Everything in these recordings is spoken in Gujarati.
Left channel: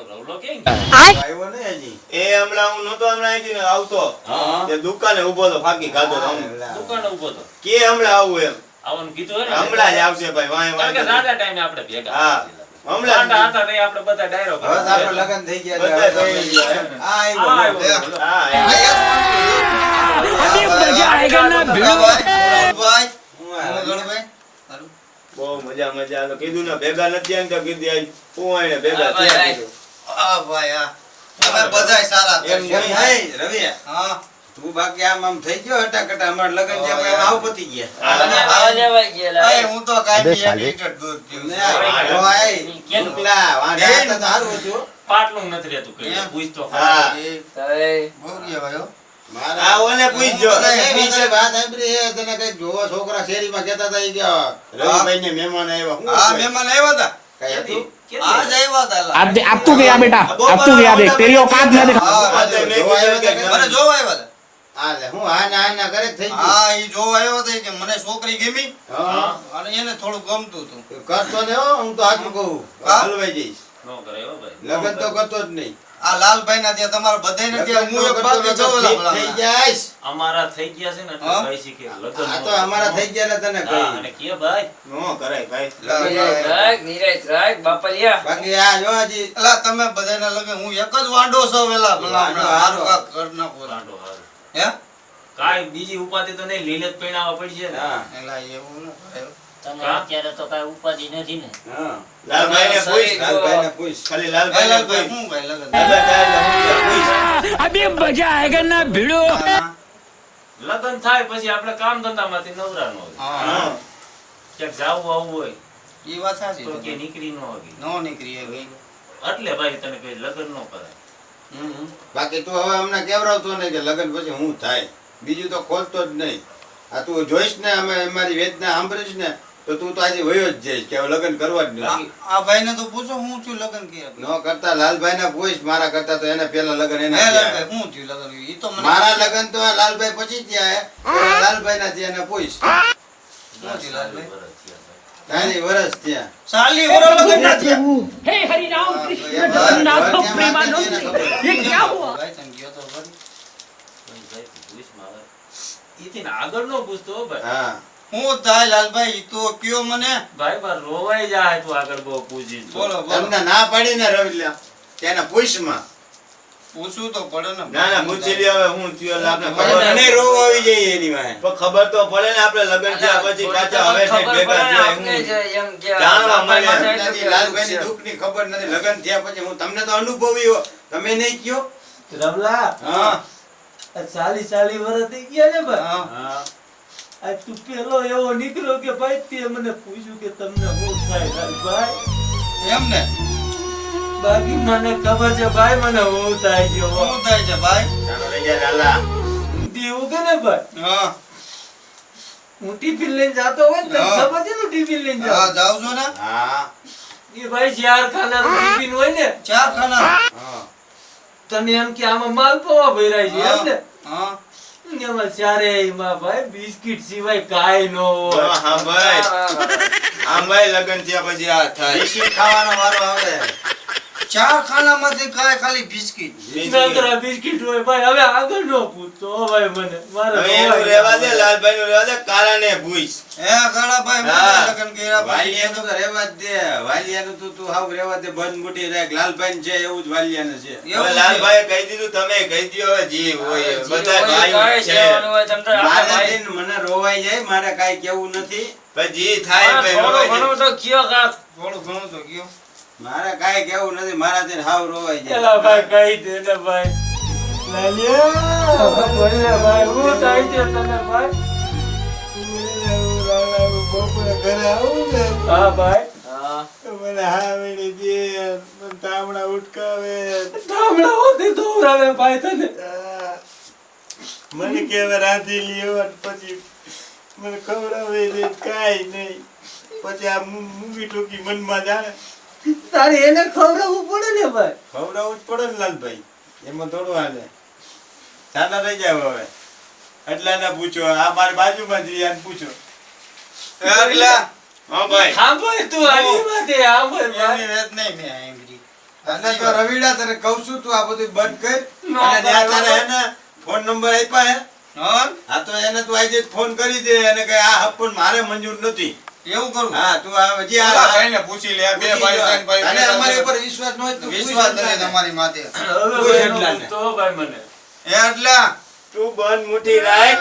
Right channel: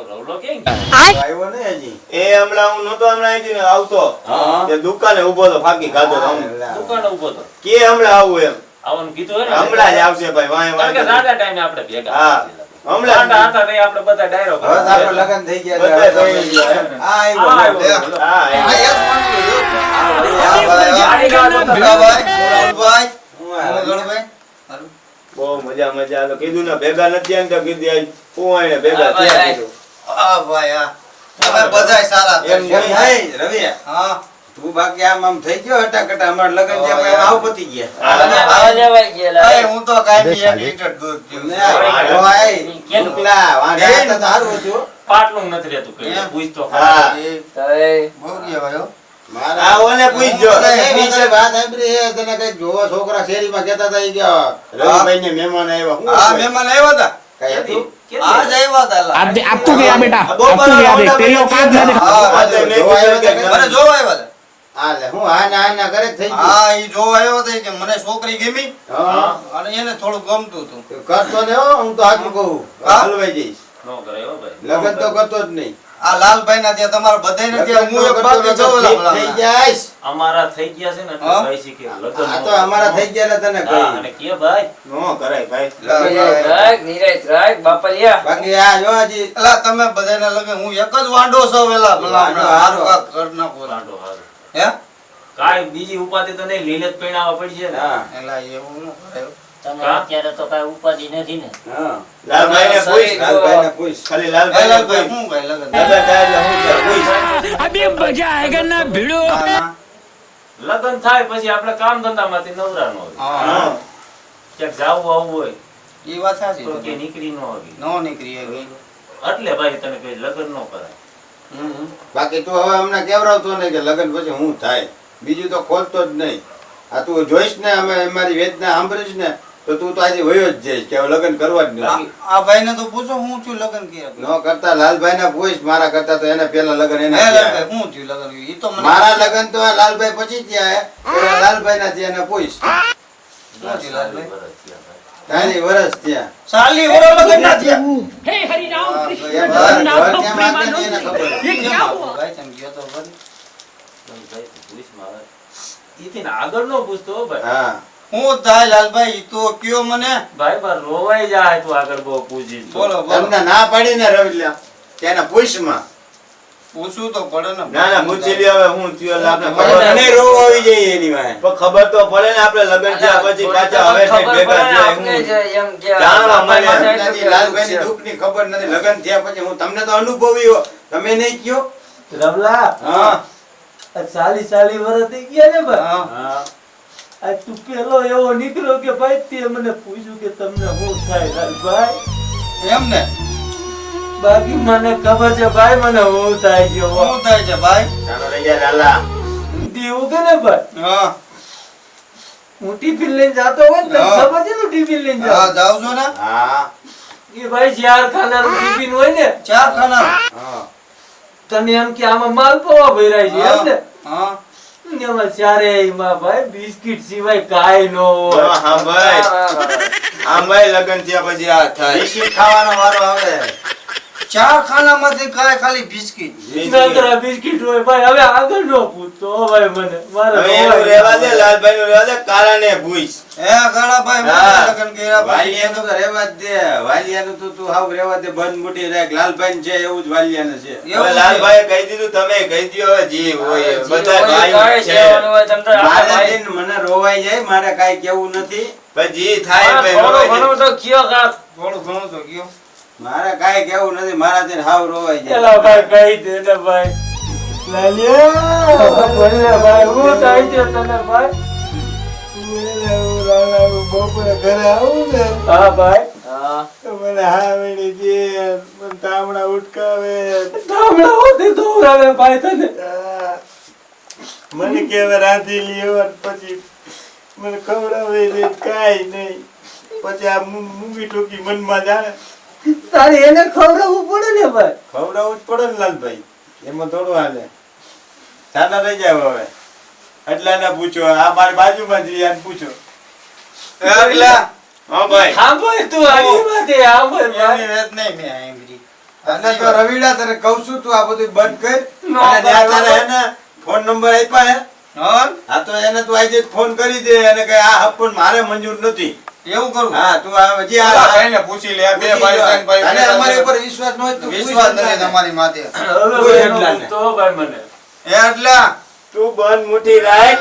આપણો રવલો કેમ આવ્યો ને હજી એ હમણાં હું નતો હમણાં અહીંથી ને આવતો તે દુકાને ઊભો તો ફાકી ખાતો તો દુકાને ઊભો તો કે હમણાં આવું એમ આવવાનું કીધું હે ને હમણાં જ આવશે ભાઈ વાય કારણ કે વાય રાજા ટાઈમે આપણે ભેગા હા હમણાં હતા હતા તે આપણે બધા ડાયરો હવે તો આપણે લગન થઈ ગયા બધા થઈ ગયા એમ. આ આવ્યો હા બહુ મજા મજા તો કીધું ને ભેગા નથી આને તો કીધી આજ પુવાઈને ભેગા થયા કીધું એમ નહીં રવિ તું બાકી આમ થઈ ગયો હટાકટા અમાર લગન છે આપણે આવ પતી ગયા હું તો કાઈ લીટર દૂધ પીઉં પાટલું નથી રહેતું કઈ પૂછતો હા બહુ ગયા ભાઈઓ આ ઓને પૂછજો જોવો છોકરા શેરીમાં કેતા હતા ઈ કે રવિભાઈ ને મહેમાન આવ્યા હા મહેમાન આવ્યા હતા કઈ હતું આજ આવ્યા હતા अब तू गया बेटा अब तू गया देख तेरी औकात न दिखा મને જોવા આવ્યા હતા આ લે હું આ ના કરે જ થઈ ગયું હા ઈ જોવા આવ્યો હતો કે મને છોકરી ગમી હા અને એને થોડું ગમતું હતું કરતો ને હો હું તો હાચું કહું હલવાઈ જઈશ નો કરે હો ભાઈ લગન તો કરતો જ નહીં આ લાલભાઈ ના ત્યાં તમારા બધાય ને ત્યાં હું એક બાકી જવલા થઈ જાઈશ અમારા થઈ ગયા છે ને એટલે હા? ભાઈ શીખે લગન આ તો અમારા થઈ ગયા એટલે તને હા, અને કહી કે ભાઈ નો કરાય ભાઈ બાકી આ જો હજી એલા તમે બધાયના લગે હું એક જ વાંડો છો વેલા ભલા હારું કાક કર નાખો રાંડો હારો હે કાઈ બીજી ઉપાધિ તો નહીં લીલે જ પૈણાવા પડશે ને હા એલા એવું ન કરાય તમે અત્યારે તો કઈ ઉપાધિ નથી ને હા લાલભાઈને પૂછ લાલભાઈ ને પૂછ ખાલી એ લાલભાઈને લાલભાઈ પૂછ હું ભાઈ લગન લગન થાય એટલે હું ત્યાં પૂછ अभी मजा आएगा ना भिड़ो લગન થાય પછી આપણે કામ ધંધામાંથી નવરા ન હોય હા હા ક્યાંક જાવું આવવું હોય ઈ વાત સાચી તો કે છે નીકળી ન આવી નો નીકળી ગઈ એટલે ભાઈ તને કઈ લગન ન કરાય બાકી તું હવે અમને કેવરાવતો નહીં કે લગન પછી હું થાય બીજું તો ખોલતો જ નહીં આ તું જોઈશ ને અમે અમારી વેદના સાંભળીશ ને તો તું તો આજે વયો જ જઈશ કે હવે લગન કરવા જ નથી આ ભાઈ ને તો પૂછો હું છું લગન કે ન કરતા લાલભાઈ ને પૂછ મારા કરતા તો એને પેલા લગન એને હે થયા. લાલભાઈ હું થયું લગન ઈ તો મને મારા લગન તો આ લાલભાઈ પછી થયા હે. પેલા લાલભાઈ ના થયા એને પૂછ હું થયું લાલભાઈ વરસ થયા ભાઈ. તારી વરસ થયા સાલી ઓરો લગન ના થયા हे हरि राम ઘર कृष्ण કેમ जगन्नाथ આપે છે प्रेमानंद એને ખબર. ये क्या हुआ ભાઈ તમે ગયો તો ખરી તો ભાઈ પૂછ મારે ઈથી ને આગળ નો પૂછતો હો ભાઈ હા હું થાય લાલભાઈ ઈ તો કયો મને ભાઈ બાર રોવાઈ જાય તું આગળ બહુ પૂછીશ તો. બોલો બોલો તમને ના પાડી ને રવિલા તેના પૂછમાં પૂછવું તો પડે ને ના ના પૂછી લ્યો હવે હું થયો એટલે આપણે ખબર મને નહીં રોવ આવી જાય એની વાંહે. પણ ખબર તો પડે ને આપણે લગન થયા પછી પાછા હવે થી ભેગા થયા હું જાણવા મળે નથી, લાલભાઈની દુઃખની ખબર નથી લગન થયા પછી હું તમને તો અનુભવી હો તમે નહીં કયો રમલા હા આ 40 વર્ષ થઈ ગયા ને ભાઈ હા હા આ તું પેલો એવો નીકળ્યો કે ભાઈ તે મને પૂછ્યું કે તમને શું થાય ભાઈ એમ ને બાકી મને ખબર છે ભાઈ મને શું થાય છે શું થાય છે ભાઈ ચાલો લઈ જા લાલા દેવું કે ને ભાઈ હા હું ટિફિન લઈને જાતો હોય ને તને હા. ખબર છે ને ટિફિન લઈને હા જાતો જાવ છો ને હા એ ભાઈ 4 ખાનાનું ટિફિન હોય ને ચાર ખાના હા તને એમ કે આમાં માલપુઆ ભરાય છે એમ ને હા એમાં ચારેયમાં ભાઈ બિસ્કિટ સિવાય કાંઈ ન હોય હા ભાઈ હા ભાઈ લગન થયા પછી આ થાય બિસ્કિટ ખાવાનો વારો આવે ચાર ખાનામાંથી કાંઈ ખાલી બિસ્કિટ નકરા બિસ્કિટ હોય ભાઈ હવે આગળ નો પૂછતો હો ભાઈ મને મારે હવે એવું રોવાય. રહેવા દે લાલભાઈ નું રહેવા દે કારાને પૂછ હે ગાળાભાઈ હા. મને લગન કર્યા પછી વાલિયાનું તો રહેવા જ દે વાલિયાનું તો તું હાવ રહેવા દે બંધ મૂટી રાખ લાલભાઈ છે એવું જ વાલિયાને છે એવું હવે છે. લાલભાઈએ કહી દીધું તમે કહી દ્યો હવે જી હોય જી બધા હોય, ભાઈ કાંઈ છે કહેવાનું હોય તમ તારે મારે ભાઈ. દિન મને રોવાઈ જાય મારે કાઈ કેવું નથી પણ જી થાય હા, ભાઈ થોડું રોવાય ઘણું તો કયો કાક. થોડું ઘણું તો કયો મારે કાઈ કેવું નથી મારા દિન હાવ રોવાઈ જાય એલા ભાઈ કહી દે ને ભાઈ લાલિયા બોલે ભાઈ હું થાય છે તને ભાઈ બપોરે ઘરે આવું ને હા ભાઈ હા. તો મને હાવડી દે મને તામડા ઉટકાવે ધામડા હોતી દોરાવે ભાઈ તને મને કેવા રાંધી લ્યો પછી મને ખવડાવે દે કાઈ નહીં પછી આ મૂંગી ટોકી મનમાં જાણે તારે એને ખવડાવવું પડે ને ભાઈ ખવડાવવું જ પડે ને લાલભાઈ એમાં થોડું હાલે સાદા રહી જાય હવે એટલે એને પૂછો આ મારી બાજુમાં જ આને પૂછો એટલે હા ભાઈ હા ભાઈ તું આની માથે હા ભાઈ એની વેત નહીં મેં સાંભળી અને તો રવિડા તને કહું છું તું આ બધું બંધ કર નો, અને ત્યાં તારે બરાબર. એને ફોન નંબર આપ્યા હે હા હા તો એને તું આજે જ ફોન કરી દે અને કે આ હપ્પન મારે મંજૂર નથી એવું કરું હા તું આ હજી પેલા આ ભાઈને પૂછી લે આ બે ભાઈ ત્રણ ભાઈ અને અમારી ઉપર વિશ્વાસ ન હોય તો વિશ્વાસ નથી તમારી માથે હવે કોઈ એનો એટલા પૂછતો ભાઈ મને એટલે તું બંધ મુઠ્ઠી રાખ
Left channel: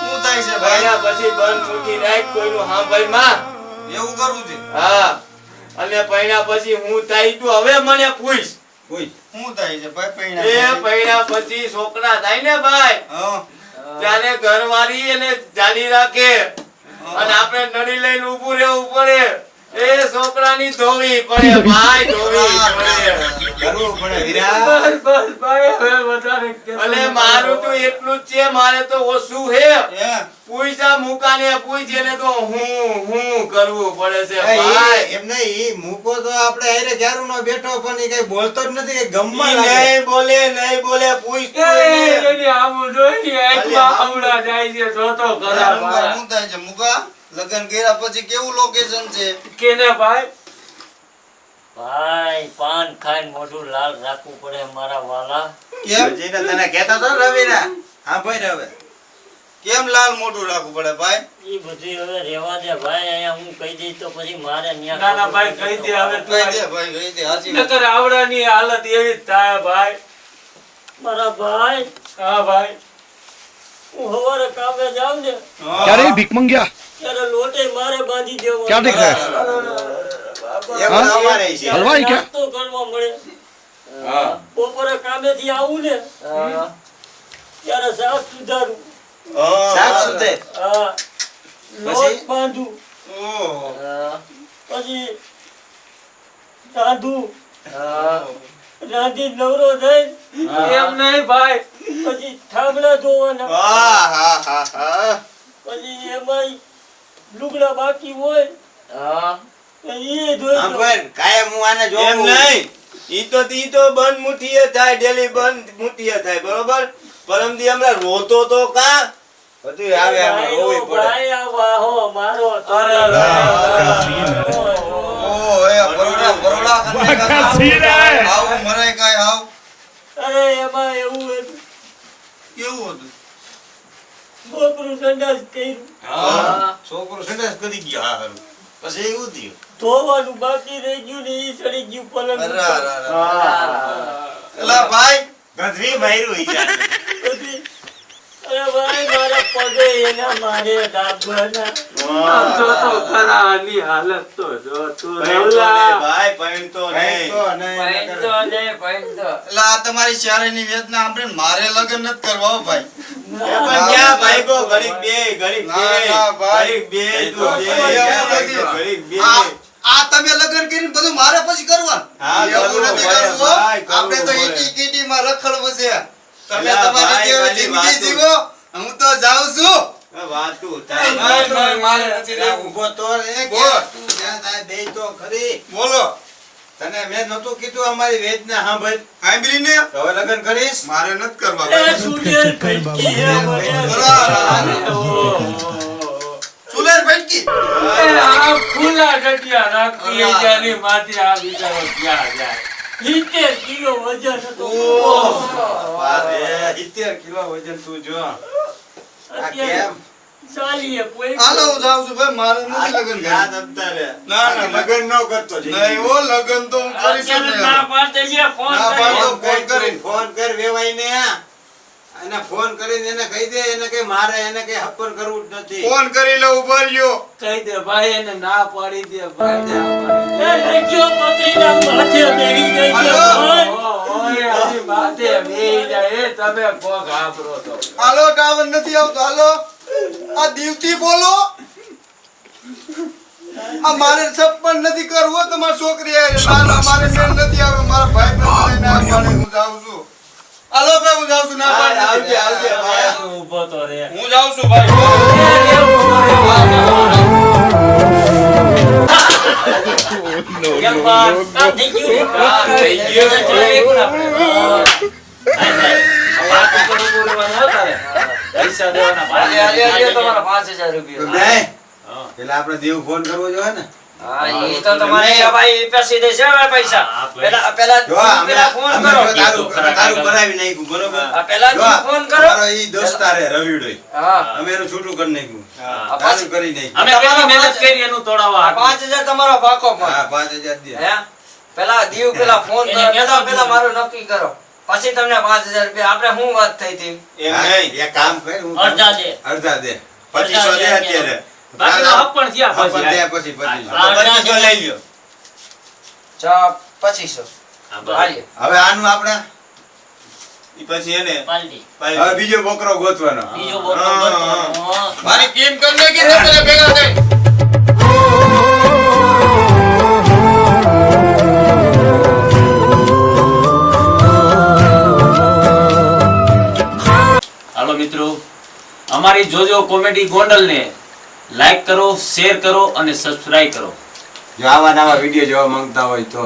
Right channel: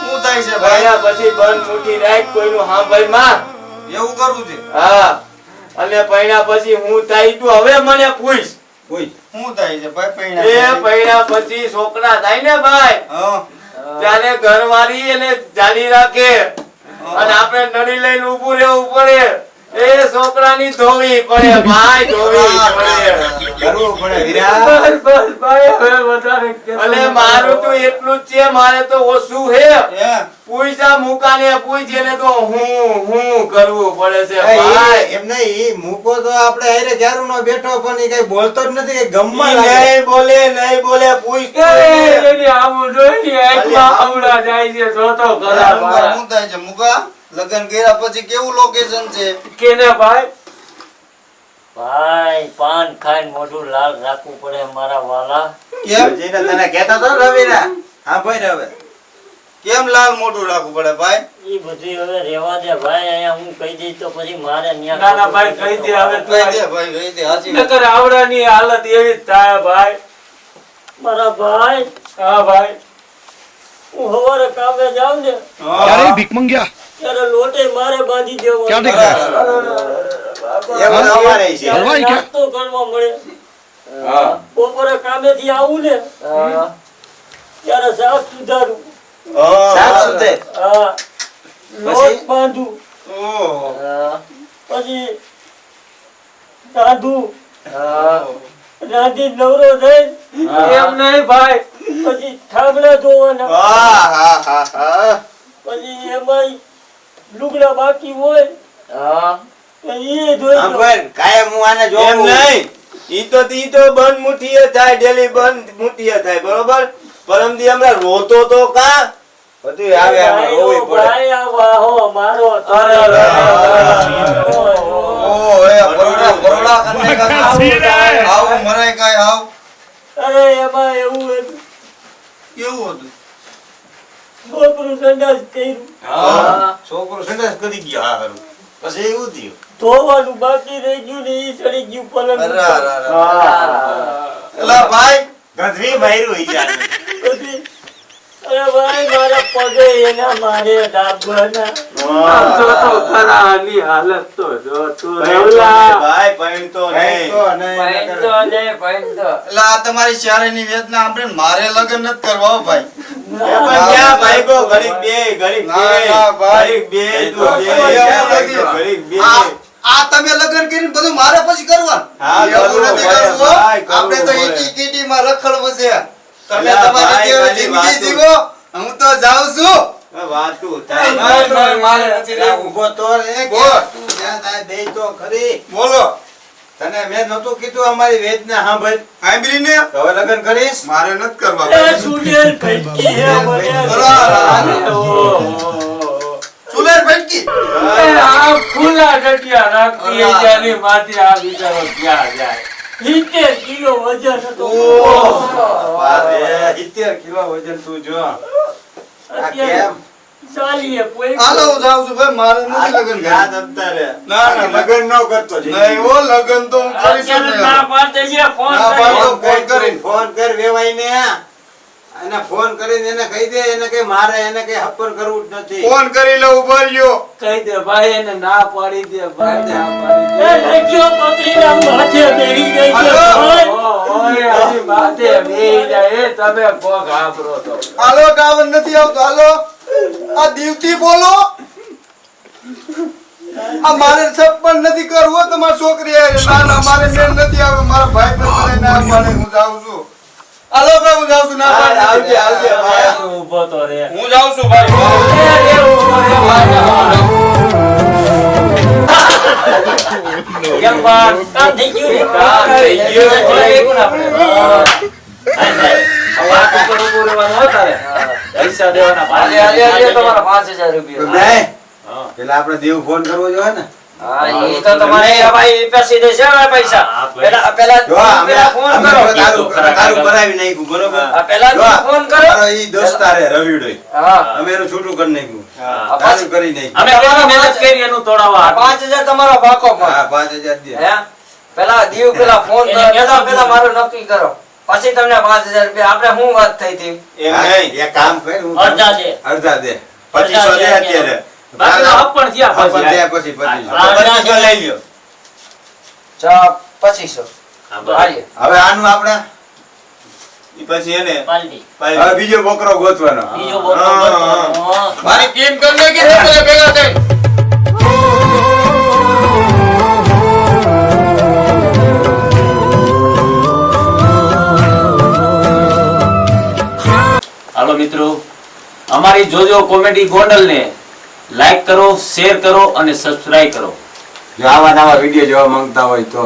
શું થાય છે ભાઈ ભાઈના પછી બંધ મુઠ્ઠી રાખ કોઈનું સાંભળ માં એવું કરવું છે હા અને પૈણા પછી હું થાય તું હવે મને પૂછ કોઈ શું થાય છે ભાઈ એ પૈણા પૈણા પછી છોકરા થાય ને ભાઈ હા ત્યારે ઘરવાળી એને જાળી રાખે અને આપણે નળી લઈને ઊભું રહેવું પડે એ છોકરાની ધોવી પડે ભાઈ ધોવી પડે કરવું પડે વિરા બસ બસ ભાઈ હવે વધારે કહેતો અને નથી. મારું તો એટલું જ છે મારે તો ઓછું હે એ પૂછા મુકાને પૂછ એને તો હું કરવું પડે છે ભાઈ એમ નહીં ઈ મૂકો તો આપણે હારે ક્યારું નો બેઠો પણ ઈ કઈ બોલતો જ નથી કે ગમમાં ઈ લાગે નહીં બોલે પૂછ એ એની આવું જોઈ ને આંખમાં આવડા જાય છે જોતો ખરા ભાઈ. શું થાય છે મુકા લગ્ન કર્યા પછી કેવું લોકેશન છે કેને ભાઈ ભાઈ પાન ખાઈને મોઢું લાલ રાખવું પડે મારા વાલા. કેમ હજી ને તને કહેતો તો ને રવિના હા ભાઈ હવે કેમ લાલ મોઢું રાખવું પડે ભાઈ ઈ બધું હવે રેવા દે ભાઈ, અહીંયા હું કહી દઈશ તો પછી મારે ન્યા ના ના ભાઈ કહી દે હવે તું કહી દે ભાઈ કહી દે હાચી વાત. નકર આવડાની હાલત એવી જ થાય ભાઈ. મારા ભાઈ હા ભાઈ હું હવારે કામે જાઉં ને क्या रे भीख मंगिया ત્યારે લોટે મારે બાંધી દેવો. क्या देख रहा है એવું અમારે છે हलवाई क्या નાસ્તો કરવા મળે. હા બપોરે કામેથી આવું ને ત્યારે શાક સુધારું, સાફ સુથરે હા, લોટ બાંધું, ઓહો. પછી રાંધું, રાંધી નવરો થઈ એમ નહીં ભાઈ પછી ઠામડા ધોવાના, હા હા હા હા પછી એમાં લુગડા બાકી હોય તો એ ધોઈ આમ દઉં. ભાઈ કાયમ હું આને એમ જોઉં નહીં ઈ તો બંધ મુઠ્ઠીએ થાય ડેલી બંધ મુઠ્ઠીએ થાય બરોબર પરમદી હમણાં રોતો તો કા બધું આવે આમાં રોવી પડે ભાઈ આ વાહો મારો તો. અરે, અરે, અરે. ઓહો એ બરોડા બરોડા કરને क्या કા सीन है આવું મરાય કાય આવ અરે એમાં એવું હતું, કેવું હતું છોકરું સંડાસ કર્યું, હા છોકરો સંડાસ કરી ગયો હા હારું પછી એવું થયું ધોવાનું બાકી રહી ગયું ને ઈ સડી ગયું પલંગ અરે ઉપર. અરે અરે એલા ભાઈ ગધરી માર્યું ઈ પછી અરે ભાઈ મારા પગે એના મારે ડાબરના. આમ જોતો ખરા આની હાલત તો જો તું પૈણતો રવલા. નહીં ભાઈ પૈણતો નહીં તો નહીં એલા આ તમારી શાળાની વેદના સાંભળીને મારે લગ્ન નથી કરવા હો ભાઈ પણ ક્યાં ભાઈગો ઘડીક બે ઘડીક ના, ના, બે ભાઈ. ઘડીક બે એ તું તો બે એવું નથી. ઘડીક બે આ તમે લગ્ન કરીને બધું મારે પછી કરવાનું હા, એવું કરવું નથી પડે, કરવું હો. ભાઈ, કરવું આપણે તો પડે. એકી કીટીમાં રખડવું છે તમે અલા, તમારી ભાઈ, જેવી ખાલી જિંદગી વાતું. જીવો હું તો જાઉં છું વાતું ભાઈ, થાય ભાઈ, મારે નથી ત્યાં રહેવું. ઊભો તો રે કે બોલ. તું જ્યાં થાય દે તો ખરી બોલો તને મેં નહોતું કીધું અમારી વેદના સાંભળ સાંભળીને તો હવે લગ્ન કરીશ મારે નથી કરવા એ ભાઈ. સુડેલ ભટકી હે મને. ચૂલેર ભટકી એ આ ફૂલા ડટિયા રાખતી એ જ્યાંની માથે આ બિચારો ક્યાં જાય. 70 કિલો વજન હતો. વારે 70 કિલો વજન તું જો આ અત્યારે કેમ ચાલીએ પોઈ. હાલો હું જાઉં છું ભાઈ મારે નથી લગ્ન યાદ કરવું. આપતા રે ના, ના, લગ્ન ન કરતો નહીં હો લગ્ન તો હું કરીશ જ અત્યારે નહીં. ના પાડતે છે ફોન ના કરી. પાડતો. ફોન કર વેવાઈને એને ફોન કરીને એને કહી દે એને કે મારે એને કે હપ્પર કરવું જ નથી ફોન કરી લઉં ઉભા રહ્યો કહી દે ભાઈ એને ના પાડી દે ભાઈ ના પાડી એ લખ્યો પકડીને માથે બેહી ગઈ છે હાલો. ભાઈ. દે. ઓય હજી માથે બેહી જાય એ તમે કોક આબરો તો. હાલો ટાવર નથી આવતો હાલો આ દીવતી બોલો આ મારે સપન નથી કરવું તમારી છોકરી હારે. ના ના મારે મેળ નથી આવે મારા ભાઈ પણ મને ના પાડે હું જાઉં છું હાલો ભાઈ હું જાઉં છું ના પાડે આવજે, આવજે, ભાઈ. તું ઊભો તો રે. હું જાઉં છું ભાઈ એ રે ઉભો રે ભાઈ. કેમ બાર? કામ થઈ ગયું ને? કામ થઈ ગયું. જોઈ આપણે. વાત ઉપર ઊભું રહેવાનું હો તારે. પૈસા દેવાના ભાઈ. નહીં પેલા આપણે દેવ ફોન કરવો જોઈએ ને હા એ તો તમારે ભાઈ પેસી દે છે હવે પૈસા હા, ભાઈ. પેલા જો અમે પેલા ફોન અમે કરો જો તારું તારું કરાવી નાખ્યું બરોબર આ પેલા જો ફોન કરો અમારો ઈ દોસ્તાર હે રવિડોય હા અમે એનું છૂટું કરી નાખ્યું હા. તારું કરી નાખ્યું અમે કેટલી મહેનત કરી એનું તોડાવવા હાટુ. 5000 તમારો ભાગો પણ હા 5000 દે હે પેલા દીવ પેલા ફોન એને કરો કહેતો પેલા મારું નક્કી કરો પછી તમને 5000 રૂપિયા આપણે શું વાત થઈ હતી એમ હા, નહીં એક કામ કર હું અડધા દે. અડધા દે અડધા 2500 દે દે અત્યારે બાકીના હક પણ થયા હક પણ પછી. થયા પછી 2500 હા. 2500 લઈ લ્યો ચા 2500 હા, બરાબર. હાલીએ હવે આનું આપણે ઈ પછી એને પાલટી. હવે બીજો બોકરો ગોતવાનો બીજો બોલો બોલો. મારી ટીમ કરીને કીધું પેલા ભેગા થઈ હાલો મિત્રો, અમારી જોજો કોમેડી ગોંડલને લાઈક કરો, શેર કરો અને સબસ્ક્રાઇબ કરો. જો આવા નવા વિડીયો જોવા માંગતા હોય તો